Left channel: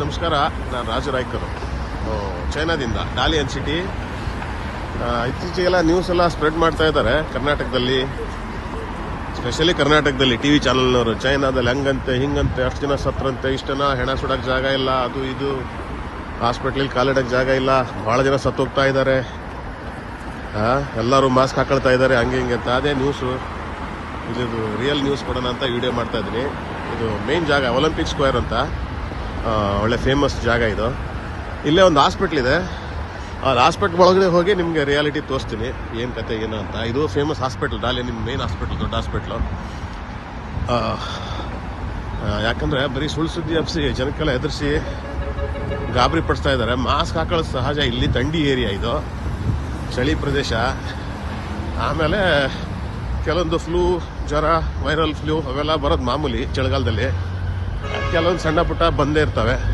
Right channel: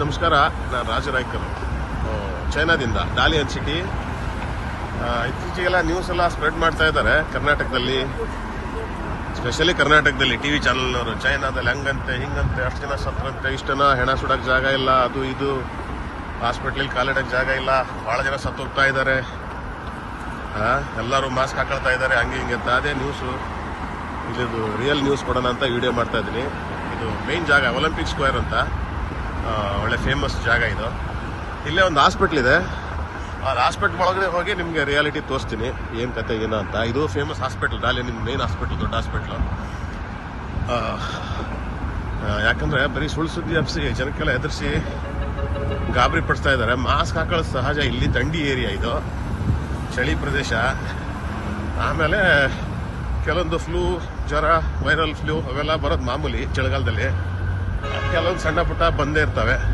ನಮಸ್ಕಾರ. ನಾನು Raju ರಾಯ್ಕರು, ಚೈನಾದಿಂದ, ಡಾಲಿಯನ್ city. ಇತ್ತೀಚೆಗೆಲ್ಲ news ಎಲ್ಲ ಸ್ಪ್ರೆಡ್ ಮಾಡ್ತಾ ಇದ್ದಾರೆ ಕರ್ನಾಟಕದಲ್ಲಿ, ಸ್ಪೆಷಲಿ ಕರ್ನಾಟಕದಲ್ಲಿ ಟಿವಿ ಚಾನಲ್ನವರು. ಚೈನಾದಲ್ಲಿ ಹಂಗಂತೆ ಹಿಂಗಂತೆ, ಅಷ್ಟು ಜನ ಸತ್ರಂತೆ, ಇಷ್ಟು ಜನ ಹೆಣ ಸುಡಕ್ಕೆ ಜಾಗ ಇಲ್ಲ, ಅದು ಇದು, ಹಾಸ್ಪಿಟ್ಲಲ್ಲಿ ಕಾಲಿಡಕ್ಕೆ ಜಾಗ ಇಲ್ಲ, ಭಾಳ ಜನ ಸತ್ತೋಗ್ತಾ ಇದ್ದಾರೆ, ಎಲ್ಲರೂ ಮಾಸ್ಕ್ ಹಾಕೊಳ್ತಾ ಇದ್ದಾರೆ, ಹಂಗೆ ಹಿಂಗೆ ಅಂತ. ಅದೇ ನ್ಯೂಸು. ಇದು ರಿಯಲ್ ನ್ಯೂಸ್ ಕೊಡೋಣ ಅಂತ ವಿಡಿಯೋ ಮಾಡ್ತಾ ಇದ್ದೀನಿ. ಇದು ಮೇನ್ ಜಾಗ ಒಲಿಂಪಿಕ್ ಸ್ಕ್ವೇರ್ ಅಂತ, ಒಳ್ಳೆ ಫೇಮಸ್ ಜಾಗ ಇದು. ಇಲ್ಲೇ ಒಂದು ಹಾಸ್ಪಿಟ್ಲ್ ಇದೆ. ಆ ಹಾಸ್ಪಿಟ್ಲ್ ಒಳಗಡೆ ಹೋಗಿ ನಿಮಗೆ ರಿಯಾಲಿಟಿ ತೋರಿಸ್ತೀನಿ, ಏನು ಕತೆ ಏನೋ ಅಂತ. ಇದು ಫೇಮಸ್ ಹಾಸ್ಪಿಟ್ಲ್, ಡಾಲಿಯನ್ ಮೇನ್ ಹಾಸ್ಪಿಟ್ಲ್, ದೊಡ್ಡ ಹಾಸ್ಪಿಟ್ಲು. ಯಾಕಂದರೆ ಬರೀ ಸುಳ್ಳು ಸುದ್ದಿ ಹಬ್ಸಿ ಜನಕ್ಕೆಲ್ಲ ಎದುರಿಸಿ ಗಾಬರಿ ಪಡಿಸ್ತಾ ಇದ್ದಾರೆ. ಮಾಸ್ಕ್ ಹಾಕೊಳ್ಳೋದು ಸಹಜ, ಇಲ್ಲಿ ಥಂಡಿ ಏರಿಯಾ, ಇದು ಚಳಿ ಪ್ರದೇಶ. ಆಮೇಲೆ ಕೆಲವೊಂದು ಫ್ಲೂ, ಜ್ವರ, ವೈರಲ್ ಫ್ಲೂ ಅವೆಲ್ಲ ಬರೋದು ಮಾಮೂಲಿ ಚಳಿಗಾಲದಲ್ಲಿ. ಕೆಲವೊಂದು ಸಣ್ಣ ಪುಟ್ಟ ಬಂದೇ ಇರ್ತವೆ.